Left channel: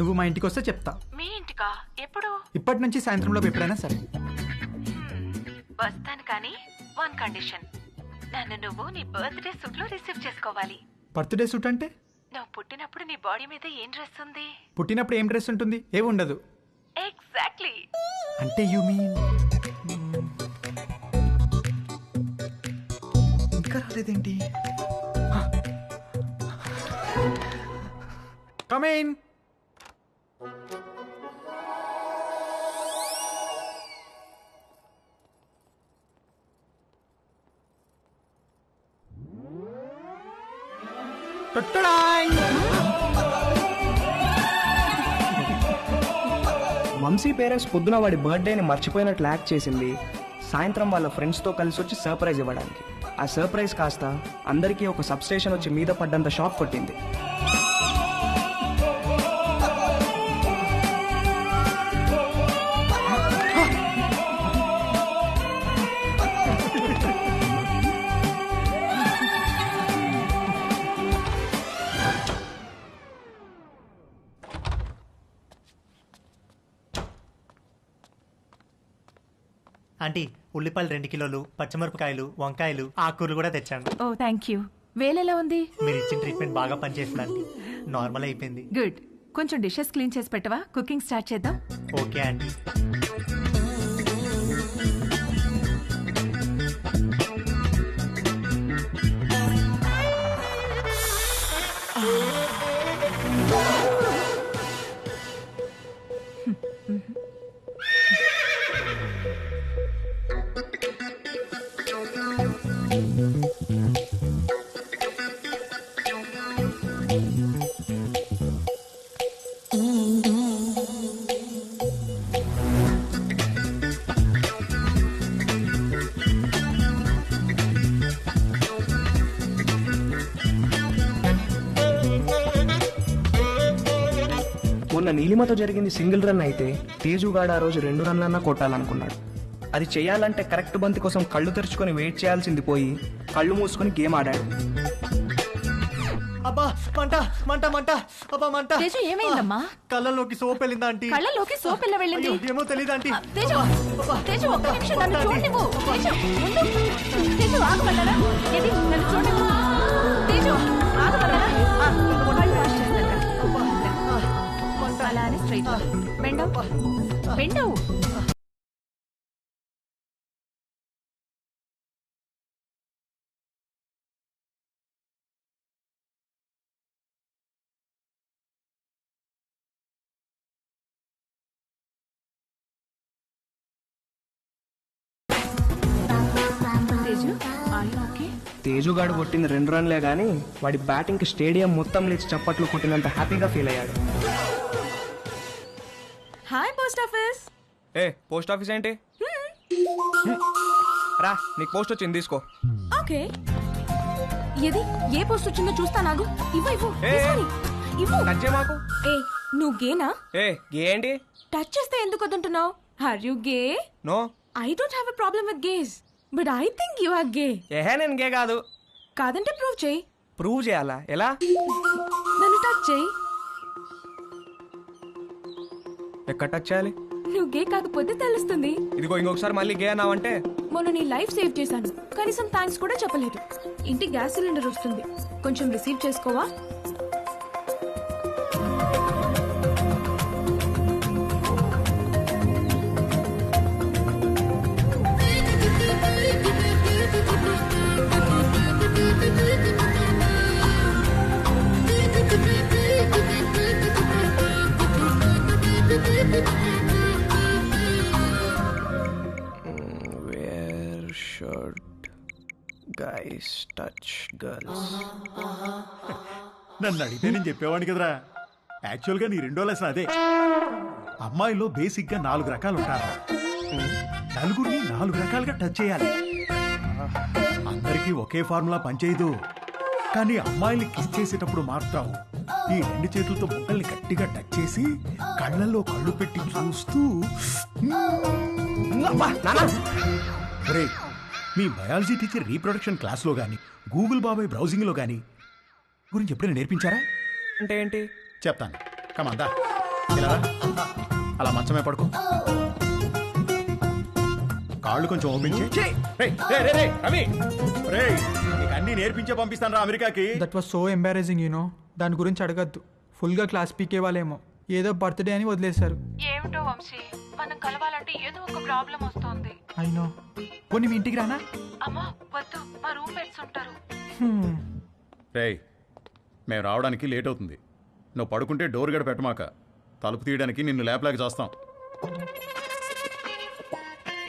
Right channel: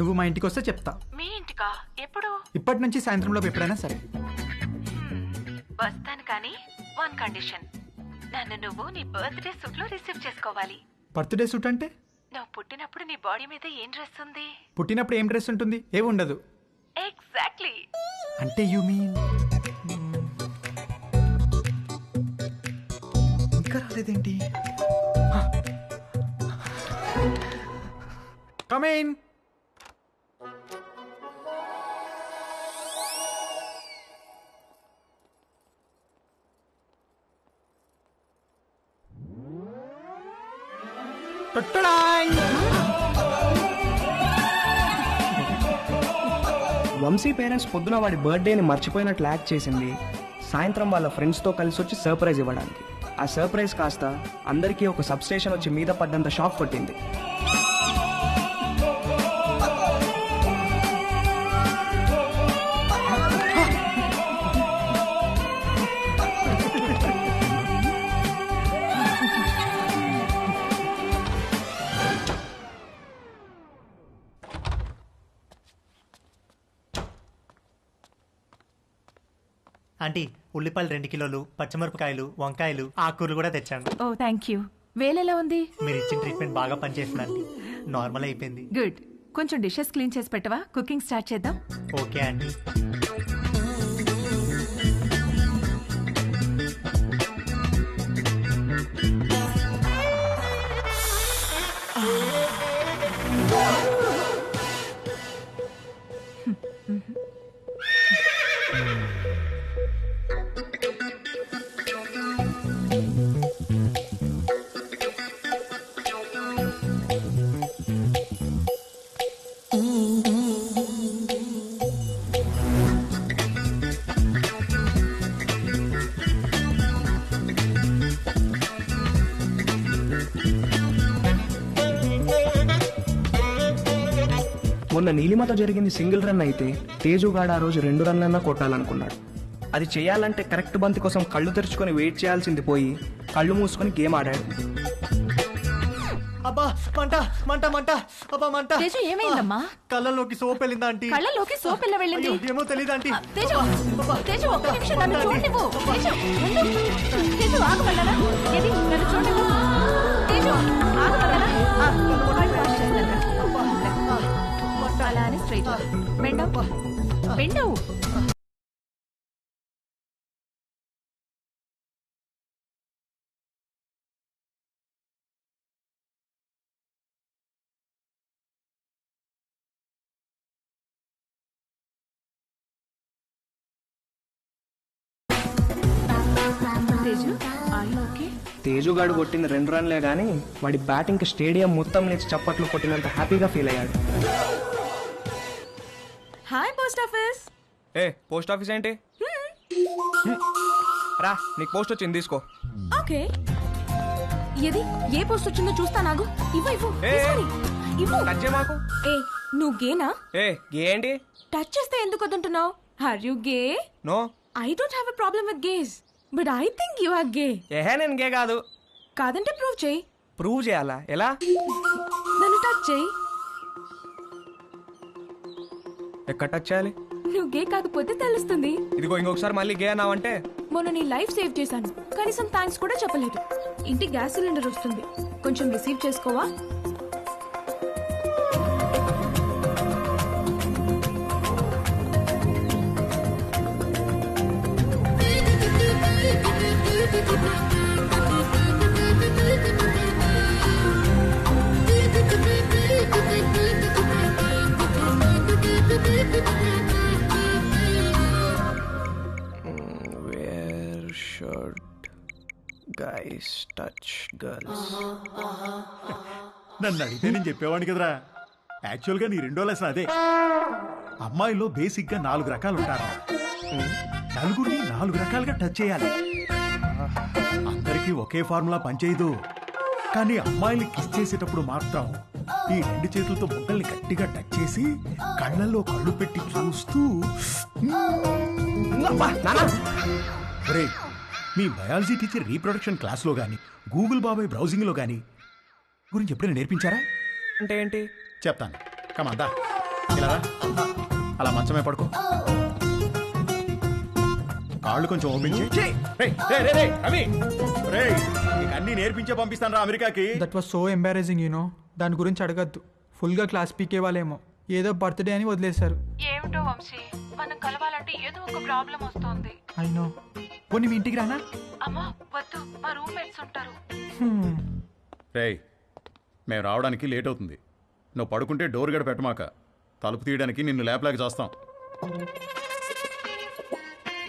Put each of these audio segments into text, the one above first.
నువ్వు మా ఇంటికి వస్తే చెప్తా. మీ ఇంటికా? ఎప్పుడు? ఇప్పటి నుంచి సాయంత్రంలో ఎప్పుడైనా సరే. వస్తాను కానీ వన్ కండిషన్. నన్ను నువ్వు నీ బర్త్డే సూట్ లో రిసీవ్ చేసుకోవాలి. బర్త్డే సూట్ అంటే? నువ్వు పుట్టినప్పుడు నీ బాడీ మీద ఏం డ్రెస్ ఉంది? పుట్టినప్పుడు ఏం డ్రెస్ ఉంటుంది? ఏమి ఉండదు. ఎగ్జాక్ట్లీ. అంటే యు మీన్ ఇంకా రాలేదేంటి? Come in. వంశీ పేరెంట్స్ పొద్దున వాడి బర్త్డేని మర్చిపోయినట్లు యాక్ట్ చేసింది. సాయంత్రం వాళ్ళ ఫ్రెండ్స్తో కలిసి వచ్చి సర్ప్రైజ్ ఇవ్వడానికి. ఆ సర్ప్రైజ్ కాస్త అందరికీ ఒక సబ్స్టేషన్ వచ్చి మీద పడ్డంత షాక్ కొట్టింది. ఆంటీ, ఉల్లిపాయలు 2 కిలోలు, పచ్చిమిరపకాయలు, వంకాయలు, ఆకుకూరలు కూడా తెచ్చాను. ఓ థ్యాంక్ యూ. వేలెలా ఉంది? మీరు ఇచ్చిన ట్రీట్మెంట్ బాగా పనిచేస్తుంది ఆంటీ. నార్మల్ అయిపోయింది. గుడ్. కొంచెం డిషెస్ క్లీన్ చేసి పెట్టవా? కుకింగ్ స్టార్ట్ చేద్దాం. Okay aunty. మొన్న నీలిమతో జరిగింది సింగిల్ రన్ అయితే తేజుగాడు ఆ రోజు 2 రన్లన్నా కొట్టాలనుకున్నాడు. అది చేయాలంటే కరెక్ట్ బంతి కోసం కళ్ళు తెరుచుకొని వెయిట్ చేయాల్సింది పోయి కళ్ళు మూసుకొని గేమ్ ఆడాడు. అబ్బా, మంట మంట మంట, అబ్బా మంట. తేజు ఏమైందమ్మా? కళ్ళలోకి సోప్ వెళ్ళిందా ఆంటీ? కళ్ళలోకి సోప్ ఎలా వెళ్ళింది? అయ్యో, ఏమో తెలీదు ఆంటీ. తేజు, తేజు ఒక్క నిమిషం నన్ను చూడనివ్వు. తేజు ఉండు. తేజు ఆగమన్నానా? ఏది నన్ను చూడనివ్వు. తేజు ఆగమన్నానా? ఆగు. కళ్ళు వాష్ చేస్తాను రా. ముందుకురా. అలానే స్ట్రైట్ బెండవు బెండవు. Teju are you okay? తేజుగాడు కొట్టింది 2 రన్లే గానీ వాడి బ్యాటింగ్ కి స్టేడియం మొత్తం లేచి చప్పట్లు కొట్టినంత హ్యాపీగా ఫీల్ అయ్యాడు. Hi post office. ఏ పోస్ట్ ఆఫీస్ ఏంటి? రా, నీకు పోస్ట్ వచ్చింది, తీసుకో. ఓకే. ఏది ఏ పోస్ట్ వచ్చిందో చూస్తా. నాగు ఇవ్వు ఇవ్వు ఇవ్వు. టచ్ చేయ మాకు. ఏ నువ్వు గేనా? ఏ గే ఏంటి? టచ్ చేస్తే ఎందుకు వద్దంటున్నావు? Are you gay? No, I don't have a problem with gays, but I think you are gay. ఏహే నేను గే కాదు. కాదంటే ప్రూవ్ చేయి. ప్రూవ్ చేయాలా? ఎలా? నన్ను టచ్ చేయి. ఎక్కడ టచ్ చేయాలి? నువ్వు గే కాకపోతే తెలుస్తుంది. ఇదిగో ఇంకొకసారి మళ్ళీ గే అన్నావంటే. మొన్న నీ లైఫ్ సేవ్ చేశాను, కనీసం థ్యాంక్స్ కూడా చెప్పలేదు. ఇంటికి గ్యాస్ సిలిండర్ వస్తుంది, కొంచెం receive చేసుకోవా? Where should guys touch girls? నన్ను అడిగితే నేను చెప్పేవాడిని కదరా. యాక్చువల్గా నీ 2వ లెసన్ అదే. అమ్మాయిలో బేసిక్గా 4 రకాలు ఉంటారా. నలుగురిని 4 రకాలుగా టచ్ చేయాలి. అందరికీ ఒకే ఫార్ములా పనిచేయదు. కానీ అమ్మాయిని కిస్ చేసేటప్పుడు మాత్రం ఈ 2 చేతులతో బొగ్గల్ని గట్టిగా టచ్ చేసి కళ్ళల్లో కళ్ళు పెట్టి చూస్తూ. ఒరే, మీ బయాలజీ టీచర్ రీప్రొడక్షన్ క్లాస్లో గాని గూగుల్ బాబాయ్ బ్రౌజింగ్లో గాని గురించి ఎప్పుడైనా నేర్పించారా? అంటే ఏంటి? చెప్తాను, కమాందా. ఇలా రా, అలా మంచమే పడుకో, కాళ్ళు కొంచెం ఓపెన్ చేయి. రేయ్, రేయ్, రేయ్, రేయ్, రవి, రేయ్, నీకు అన్ని నేర్పించే పంపిస్తాను రా అమెరికాకి. That was so embarrassing you know. దాని గురించి అడగద్దు. ఫుల్గా క్లాస్ పీకే వాళ్ళేమో ఏదో బర్త్డే అని వదిలేశారు. ఏమిటో వంశీ, మనం కలవాలంటే ఏదో ఒక ప్రాబ్లం వస్తోంది. అయినో. పోనీ మీ ఇంటికి రానా? అమ్మా వద్దు, మా రూమ్మేట్స్ ఉంటారు. రేయ్, మేము రావడానికి లేట్ అవుతుంది. నువ్వు పడుకుంటే డోర్ గడ పెట్టమాక, తలుపు తీయడానికి నిన్ను లేపలేక చేస్తాం.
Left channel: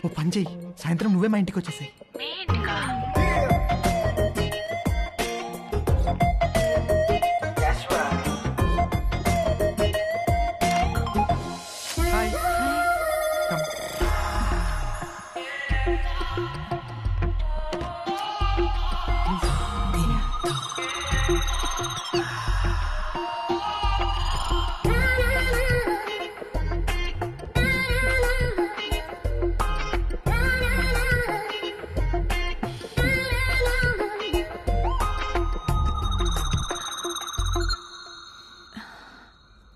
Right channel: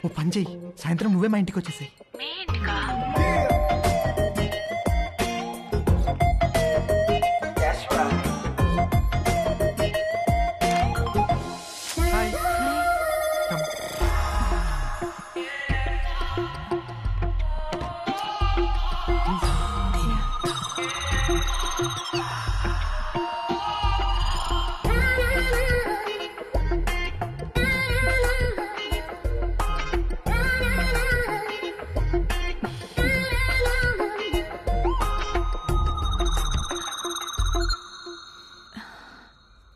ఓ పని చెయ్యి, సాయంత్రం నువ్వే మా ఇంటికి వచ్చేసాయి. మీ ఇంటికా? Hi. Hi. Come. Please. Yeah.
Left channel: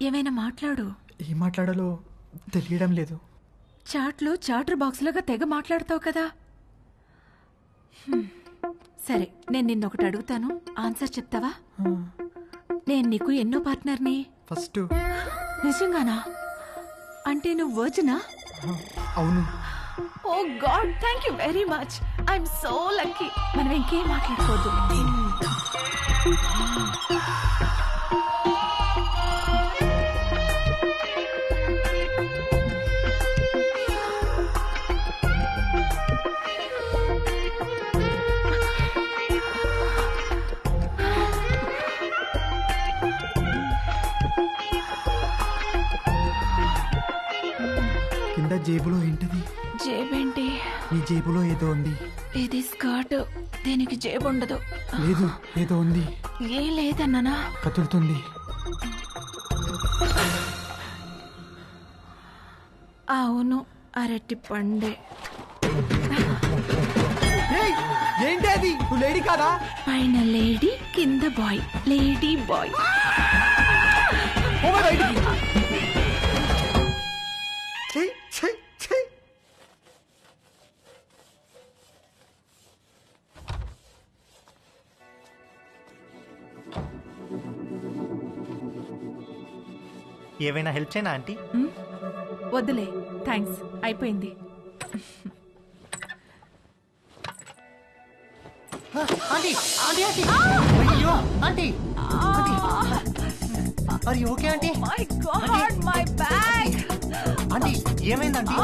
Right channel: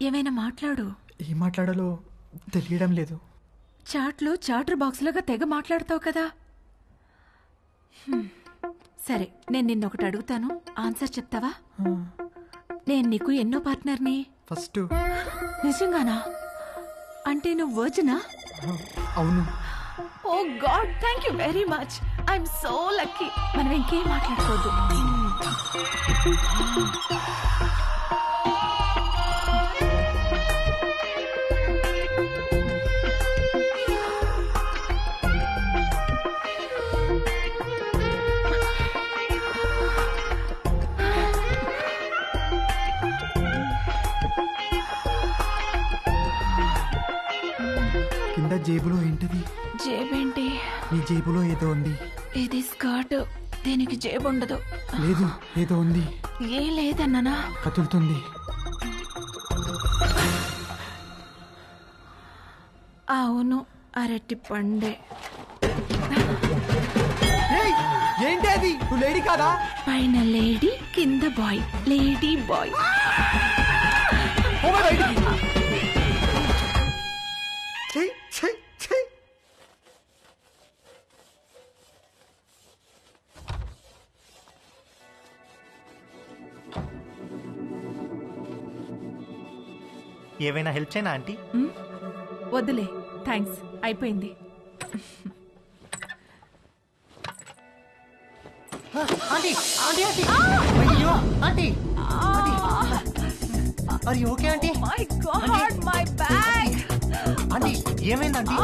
ఏమైనా మాట్లాడు. ఏం మాట్లాడాలో తెలియడం లేదు. చాట్లో చాటర్ బాక్స్ లాగా తెగ మాట్లాడతావు కదా. సరే, నేను నిన్నొకటి అడుగుతాను, ఆన్సర్ చెప్తావా? నేను నీకు ఎన్నో పార్ట్నర్ని? ఫస్ట్. నిజంగానా? అంటే నువ్వు వర్జినా? అవును. Oh god, thank you very much. I'm so lucky. మనం ఇంకేం మాట్లాడుకోవద్దు. కింద జేబులో ఏంటది? జేబేంటి? నీ జేబులో ఏదో ఉంది. ఇది స్కర్ట్, దీనికి జేబు ఉండదు. లేదు, ఏదో ఉంది. ఏ లేదన్నానా? కదులుతుంది. అవును, అరటి పండే. ఏంటి అది? నువ్వు లేడీ కాదా? పైన లేడీ, కింద బాయ్. Lady bye. పోవే బయటికి. ఛీ, ఛీ, ఛీ. ఏవైనా హెల్ప్ చేయనా ఆంటీ? వద్దులే, థ్యాంక్స్, అయిపోయింది. ఆంటీ, ఆంటీ, ఆంటీ, అయ్యో ఆంటీ, ఆంటీ, అరే okay aunty? My God, my bag. Aunty ఏమైంది ఆంటీ?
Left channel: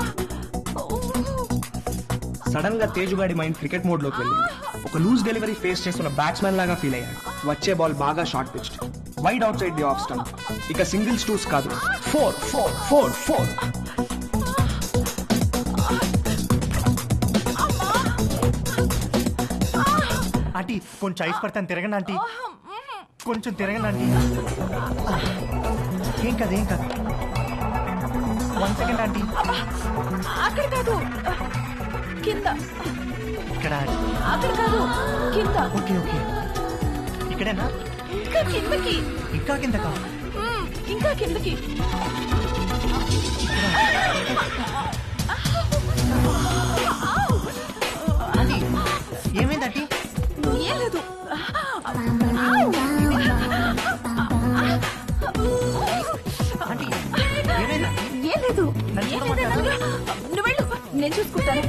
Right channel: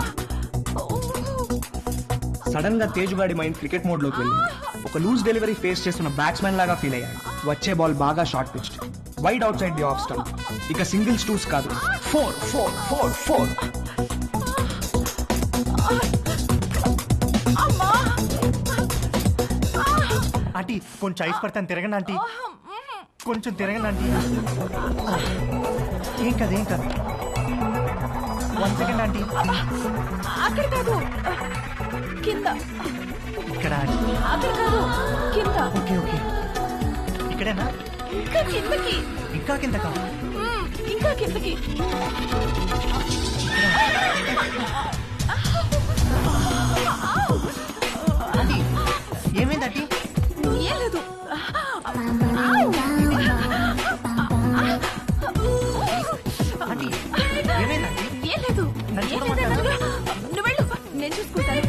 సడన్ గా తేజుగాడి మైండ్ క్రికెట్ మోడ్ లోకి వెళ్ళింది. ఒక లూజ్ డెలివరీ ఫేస్ చేస్తున్న బ్యాట్స్మెన్ లాగా ఫీల్ అయ్యాడు. వచ్చే బాల్ బాగా short pitched, wide out side the off stump. ఇక సింగిల్స్ టూస్ కాదు, 4 4 4 4. ఆంటీ కొంచెం ఐస్ పడతాను, తిరగండి ఆంటీ, కొంచెం తిరగండి ఆంటీ. ఏం కాదు, ఏం కాదు. 1 సెకండ్ ఆంటీ. అక్కడ కాదు, కింద. ఇక్కడ. అక్కడ కాదు, కింద. ఓకే ఓకే, ఇక్కడేనా? ఇంకా కిందకి. ఇంకా కిందకా? ఇంకా కిందకి. ఇక్కడ. ఆంటీ ఏమైంది ఆంటీ? ఏం లేదు. ఆంటీ ఏమైంది ఆంటీ? ఏం లేదు. నన్ను ఏం చూడమంటారా? లేదన్నానుగా. నువ్వు వెళ్ళు, నేను చూసుకుంటాను.